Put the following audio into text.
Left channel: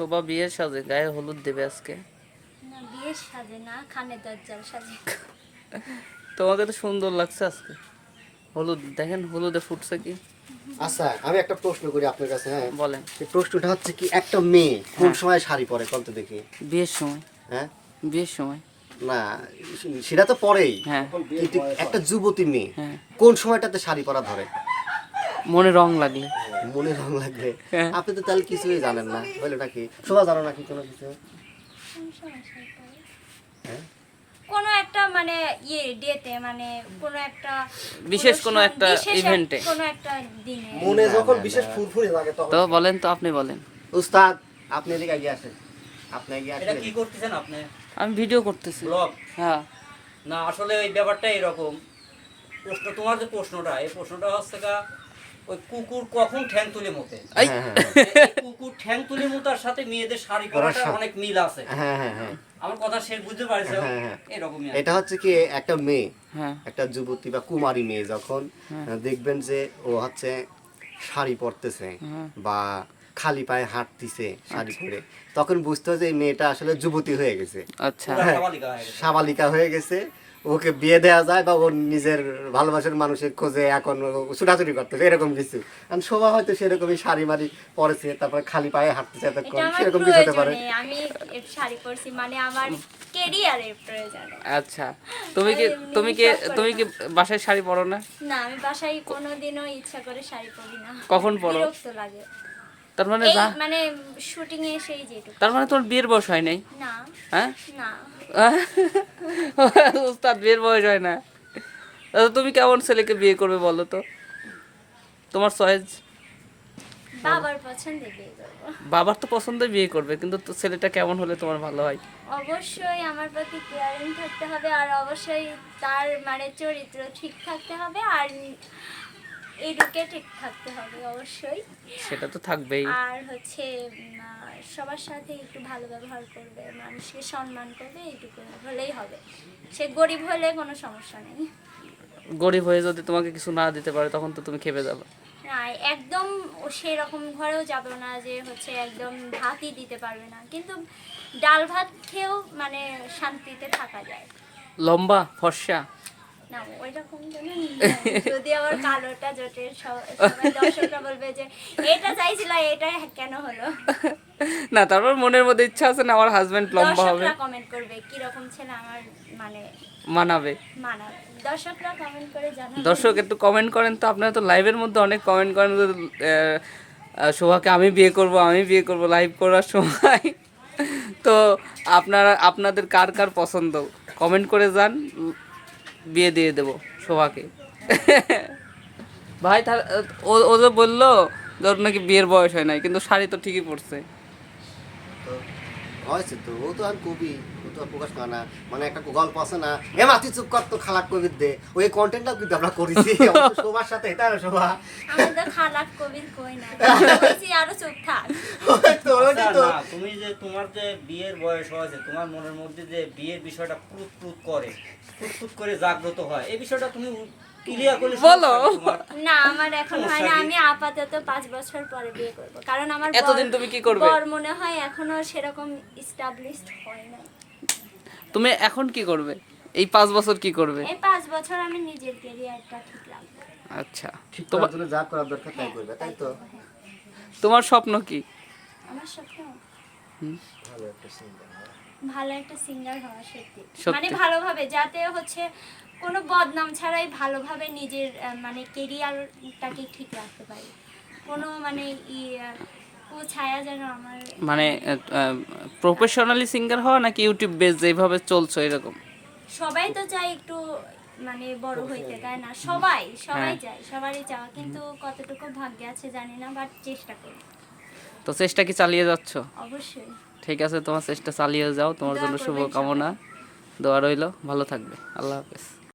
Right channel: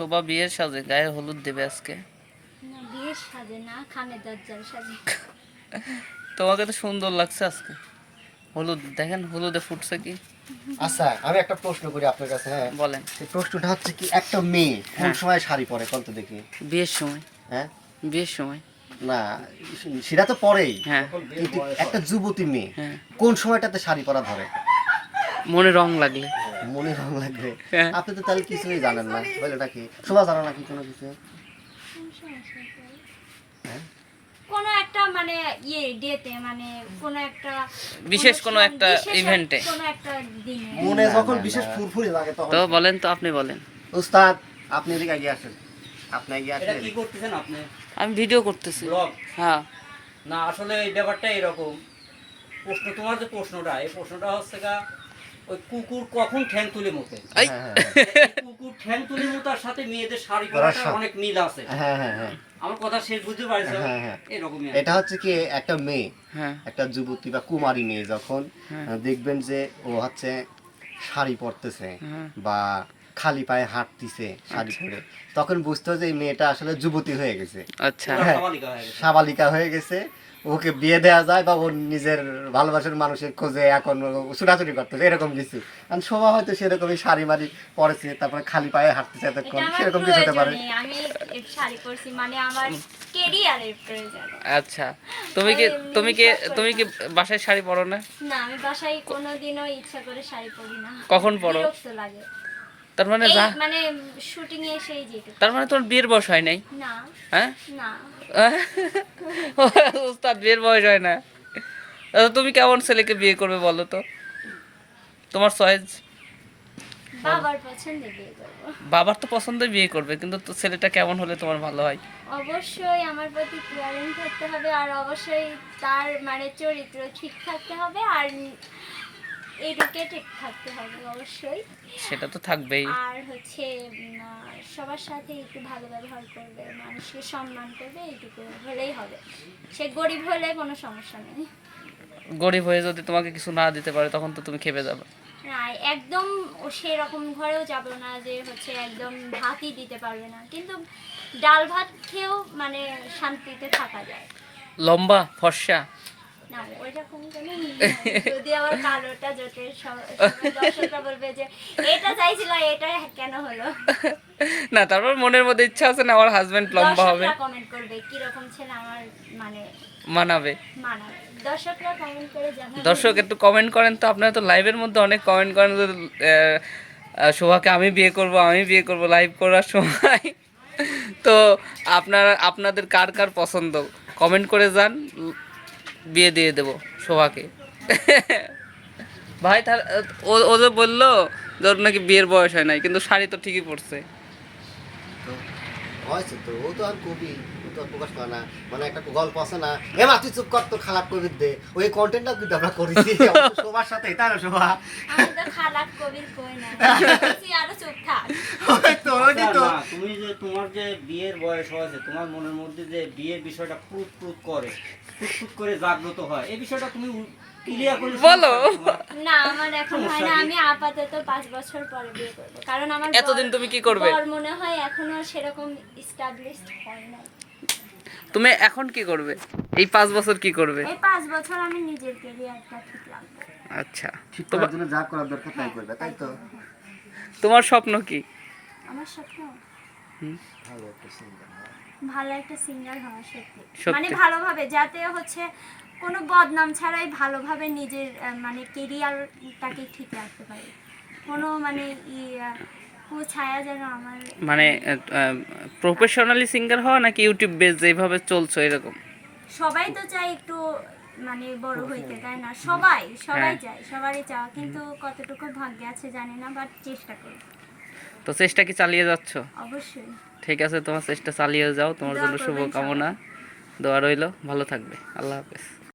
শোভা বিয়ের সাজে গায়ে হলুদ দেবে আজকে? না বিয়ের সাজে না খামে দরজার সাজে। তোমাকে তো সুন্দর লাগছে আজকে। হলুদ দেখেন হলুদে ফুটছে কি? আচ্ছা আমি একটা প্রশ্ন করি আপনার কাছে হ্যাঁ? বলেন। প্রশ্নটা হচ্ছে কি একটা মেয়ে কোন সময় শাড়ি পরে কত দেখি। বিয়ের সময়। হ্যাঁ? বিয়ের সময়। না সেটা তো পরেই। হ্যাঁ। কিন্তু একটা যুবতী মেয়ে হ্যাঁ। কোন সময়টাতে শাড়ি পরা ধরে? মনে রং লাগলে। মনে রং লাগবে হ্যাঁ। আপনি তো তাহলে কিছুই জানেন না। বলে নাকি? শোভা জানো নাকি কোনো কিছু? হ্যাঁ? কোনো একটা মানে ইয়ে ডেতে মানে কোনো একটা বিশেষ কোনো একটা ইভেন্টে। কোনো একটা দিনে। মনে যখন বিশেষ ফুরফুরি লাগে তখন। তো বলেন তো আপনি বলেন। উস্তাদ আপনি এদিকে এগিয়ে আসেন। আপনি এগিয়ে এটা আসেন কি করতেছেন আপনি? আমি ভিডিও করতেছি। ব্লগ হ্যাঁ। না আসলে এই ব্যাপারটা এরকম। প্রশ্ন তোমার যে প্রশ্নটা এই প্রশ্নটা হচ্ছে গা ওই কুকুর কখন ঠ্যাং তুলে মতে এই হ্যাঁ হ্যাঁ এই কুকুর ঠ্যাং তুলে মোতার সাথে মেয়েদের শাড়ি পরাটা অনেক মিল আছে। হ্যাঁ হ্যাঁ হ্যাঁ। আমার কথা শেষ বুঝতে পারছ? হ্যাঁ, হ্যাঁ। এরকমই এটা হচ্ছে কি একটা মেয়ে হ্যাঁ। একটা যুবতী বা কুমারী মেয়ে যখন হ্যাঁ। দেখবেন যে ও হচ্ছে শাড়ি পরতেছে হ্যাঁ। বা খালি পায়ে হাঁটতিছে শাড়ি পরে তখন বুঝতে হবে যে এই মেয়েটা আসলে যুবতী হয়ে গেছে। আচ্ছা। সাবালিকা হয়ে গেছে। ওকে বিয়ে দেওয়া যায় বা ওর নিজের ভালোবাসার মানুষের খোঁজে এখন ও ছুটাছুটি করতেছে এরকম কিছু। কারণ শোভা হয়তো সেরকমই শাড়ি মারি পরেছে তারপরে খালি পায়ে হাঁটতেছে এতক্ষণ সেরকম কিছু হতে পারে। মানে আচ্ছা তুমি কি তুমি কি তুমি কি বাসায় শাড়ি পরো না? না আমি বাসায় কোনোদিনও ইচ্ছা করে শাড়ি পরি না। কখন পরো? লাগে। তার মানে যা মানে শুটিং এ এসেই যেটুকু। তার মানে তোমার বিয়ের বয়স হয় নাই? না হ্যাঁ? না। উস্তাদ বিয়ের বয়স হয় না। তা তুমি কেমন ছেলেকে বিয়ে করবে বলো তো? তোমার চয়েস বাবার পছন্দে বিয়ে করব। বাবার তো পছন্দই বিয়ে করবে কিন্তু তো ছেলেটা কেমন হলে তোমার ভালো হয়? অবশ্যই আমার প্রতি কেয়ারিং থাকতে হবে আর অবশ্যই তার মানে চরিত্র ঠিক থাকতে হবে আর এইদিকে ঠিক থাকতে হবে অবশ্যই। সেটা তো থাকবেই। আর হচ্ছে সবার সাথে একটু ভালো ব্যবহার করবে মানুষকে সম্মান করবে এইটুকু হলেই হবে। সে গরিব হলে কোনো সমস্যা নেই। গরিব হয়ে যদি তোমাকে কিছু না দিতে পারে তখন তো তুমি খেপে যাবে। না একদম সেই রকম ঘরেও যাব না যে হচ্ছে একদম ভাতই দিতে পারবে না। কিন্তু ডাল ভাত খেয়েও মানে শান্তিতে থাকা যায়। লম্বা ফর্সা। না ওই কোনো? যদি আবার কালোটা জোটে দর্শকরা বলবে যে এটা চাইছিল এটা কেন হলো? না তারপর মনের মধ্যে ইচ্ছা আছে না আমার হাজবেন্ড লম্বা হবে। কমেন্ট করবে কি রকম ছেলে আমার মানে মানাবে। মানাবে? দর্শক একটু কমেন্ট করেন তো আপনারা তো লাইভের মধ্যে অনেক কমেন্ট করেন শোভাকে আমি বিয়ে করব আমি বিয়ে করব লাইভ করার সময়। তো আপনারা আপনাদের কার কার পছন্দ? কমেন্ট করে যান বিয়ে দিয়ে দেবো শোভাকে। ভাই তাহলে, ও যে বলল ওর নাকি বিয়ের বয়স হয় নাই, কিন্তু শাড়ি তো ঠিকই পড়ছে তো ও তো আর কবি। প্রকাশ করে না মানে একটা গল্প আছে না এ মাতি চুপ কর তো খালাক কবির দে। ওই কন্টেন্টটা কিন্তু আমরা করেছি সবার সাথে এটা না শোভা? খালাক কবির কই না আরও চুপ থাক। তো আচ্ছা, তো। তুমি যে তোমার যে বিয়ের বয়স হয়েছে তোমার মনের মধ্যে যে বিয়ের বিষয়টা প্রুত প্রুত করে ফুট ফুট করে জাগ্রত হয় এই বিষয়টা তুমি বলো। না আমার এখন হয় না। আমি আপাতত পাঁচ বছর পরে বিয়ে করব। কারণ আমার এতদিন তুমি কি করবে? মনে হয় এখনও সেরকম এস্টাবলিশড হয় না তুমি এখন কি করবে? এই পাঁচ বছর কি করবে? এই পাঁচ বছর আমি নিজের কেরিয়ারটা ঠিক লাগবে আচ্ছা। ঠিক তোমার জন্য যা করার দরকার তাই করবে তাই তো? তোমার স্বপ্ন কি? আমার স্বপ্ন। ভালো একটা singer হওয়া। ভালো একটা সিঙ্গার হওয়া সত্যি। মানে ভালোভাবে যাতে হচ্ছে কোনো বদনাম ছাড়াই ভালোভাবে নিজের মানে কেরিয়ারটাকে ঠিক রাখতে পারি। কোনো মানে ই কুছায়া যেন আমার মানে প্রফেশনালি সিঙ্গার হওয়া নাকি ইউটিউব বেস যেভাবে চলছে এরকম? সবাই তো চায় একটু মানে বড় হইতে তাই না? সবাই সবাই হ্যাঁ। চায় সবারই চাওয়া। কিন্তু কতটুকু ভাগ্যে আছে জানি না বাট চেষ্টা করি। তো চেষ্টা কি চালিয়ে যাচ্ছ? অবশ্যই। ঠিক আছে তোমার চেষ্টা চালিয়ে যাও তোমার জন্য শুভকামনা। দোয়া রইল ভালো থাকবে। আল্লাহ হাফেজ।